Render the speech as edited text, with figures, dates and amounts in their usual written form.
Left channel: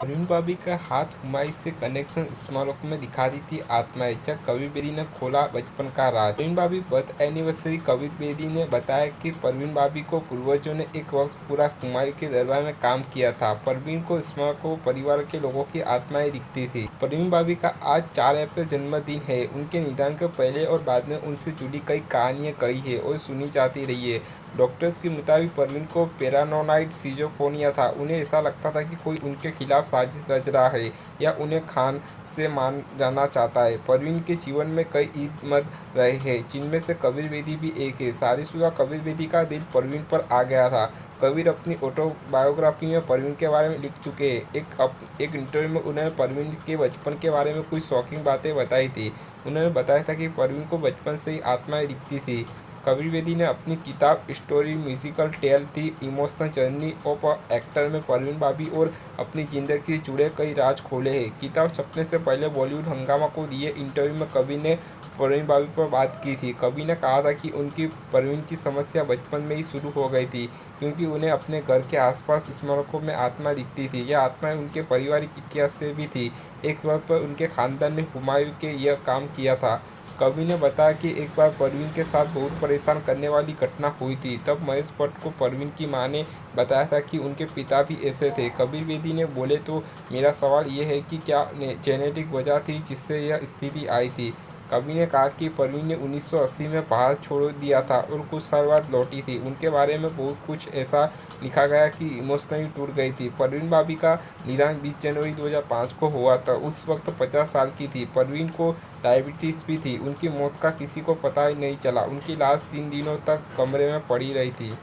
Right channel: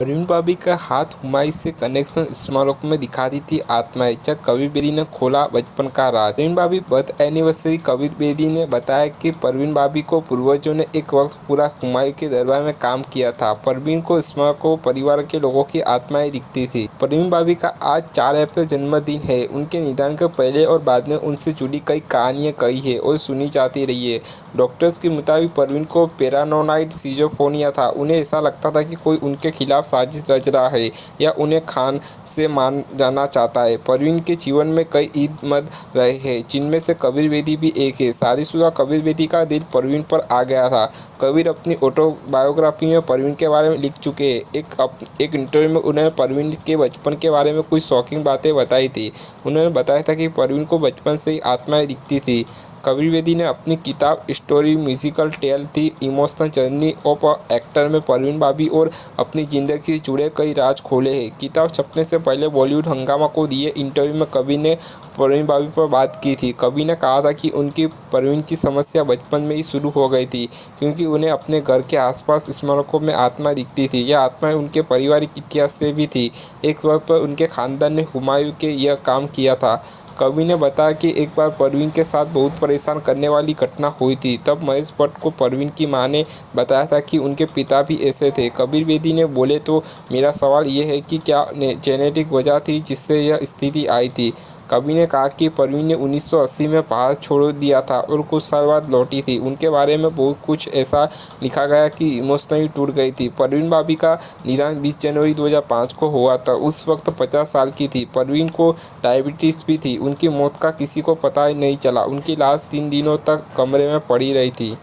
परवीन भाभी का हाथ हुमायूं से कनेक्शन स्मारकों में दिखाती थी आत्माएं। जब कबीर बेदी ने खोला बचपन का राज। परवीन भाभी बर्थ एनिवर्सरी। कबीर बेदी ने बताया कि परवीन भाभी को पूर्वजों ने एक वक्त पूरा हुमायूं के दरबार में काम किया था। परवीन को स्मारकों परिवार के लोगों की आत्माएं दिखती थी। परवीन भाभी का आज 4 अप्रैल जन्मदिन है। उनके निधन के पहले और बाद में उनसे जुड़ी कई कहानियां कही है और सुनी जाती रही है। डॉक्टर्स के मुताबिक परवीन को पैरानोइड सिजोफ्रेनिया था। उन्हें ऐसा लगता था कि कोई उनके खिलाफ साजिश रच रहा है या उन्हें खान से मान जाना चाहता है। परवीन के जीवन में कई ईद रहे हैं, जिनमें से कबीर बेदी भी एक है। शादीशुदा कबीर बेदी का दिल परवीन पर आ गया था। कबीर अपनी ऑटोबायोग्राफी में परवीन के बारे में लिख चुके हैं। एक इंटरव्यू में उन्होंने परवीन के बचपन के बारे में कुछ शॉकिंग बातें बताई थी। उन्होंने बताया था कि परवीन को बचपन से ही आत्माएं दिखती थी। कबीर बेदी ने अपनी किताब स्टोरी म्यूजिकल टेल थी emotional journey of a actor में परवीन भाभी और अपनी ज़िंदगी से जुड़े कई राज खोले हैं। किताब छपने से पहले बॉलीवुड हंगामा को दिए इंटरव्यू में कबीर ने परवीन भाभी पर बात की थी। कबीर ने कहा था कि उनकी परवीन की समस्या बचपन में ही शुरू हो गई थी, क्योंकि उन्हें अपने घर के आसपास स्मारकों में आत्मा दिखती थी। यह आत्माएं उनके पारिवारिक इतिहास से भी थी। एक वक्त पर उनके खानदान ने हुमायूं के यह काम किया था। कबीर ने बताया कि एक बार परवीन के साथ बहुत परेशान करने वाली घटना हुई थी। तब महेश भट्ट को परवीन की मां ने बताया था कि उनके पिता भी ऐसे थे। कबीर बेदी ने बोले तो मेरा सवाल ये है कि क्या जेनेटिक वजह थी जिससे यह स्थिति आई थी। कबीर ने कहा कि परवीन ने 1980 में पहाड़ छोड़ दिया था और कुछ साल बाद लौटी थी। उनके बारे में बहुत कुछ ऐसा लिखा गया कि इमोशनली टूट गई थी। परवीन भाभी का निधन 20 जनवरी 2005 को हुआ था। उस वक्त 50 साल की थी। परवीन को डायबिटीज़ भी थी। उनकी मौत का किसी को पता ही नहीं चला। उनकी लाश 3 दिनों तक कमरे में पड़ी रही थी।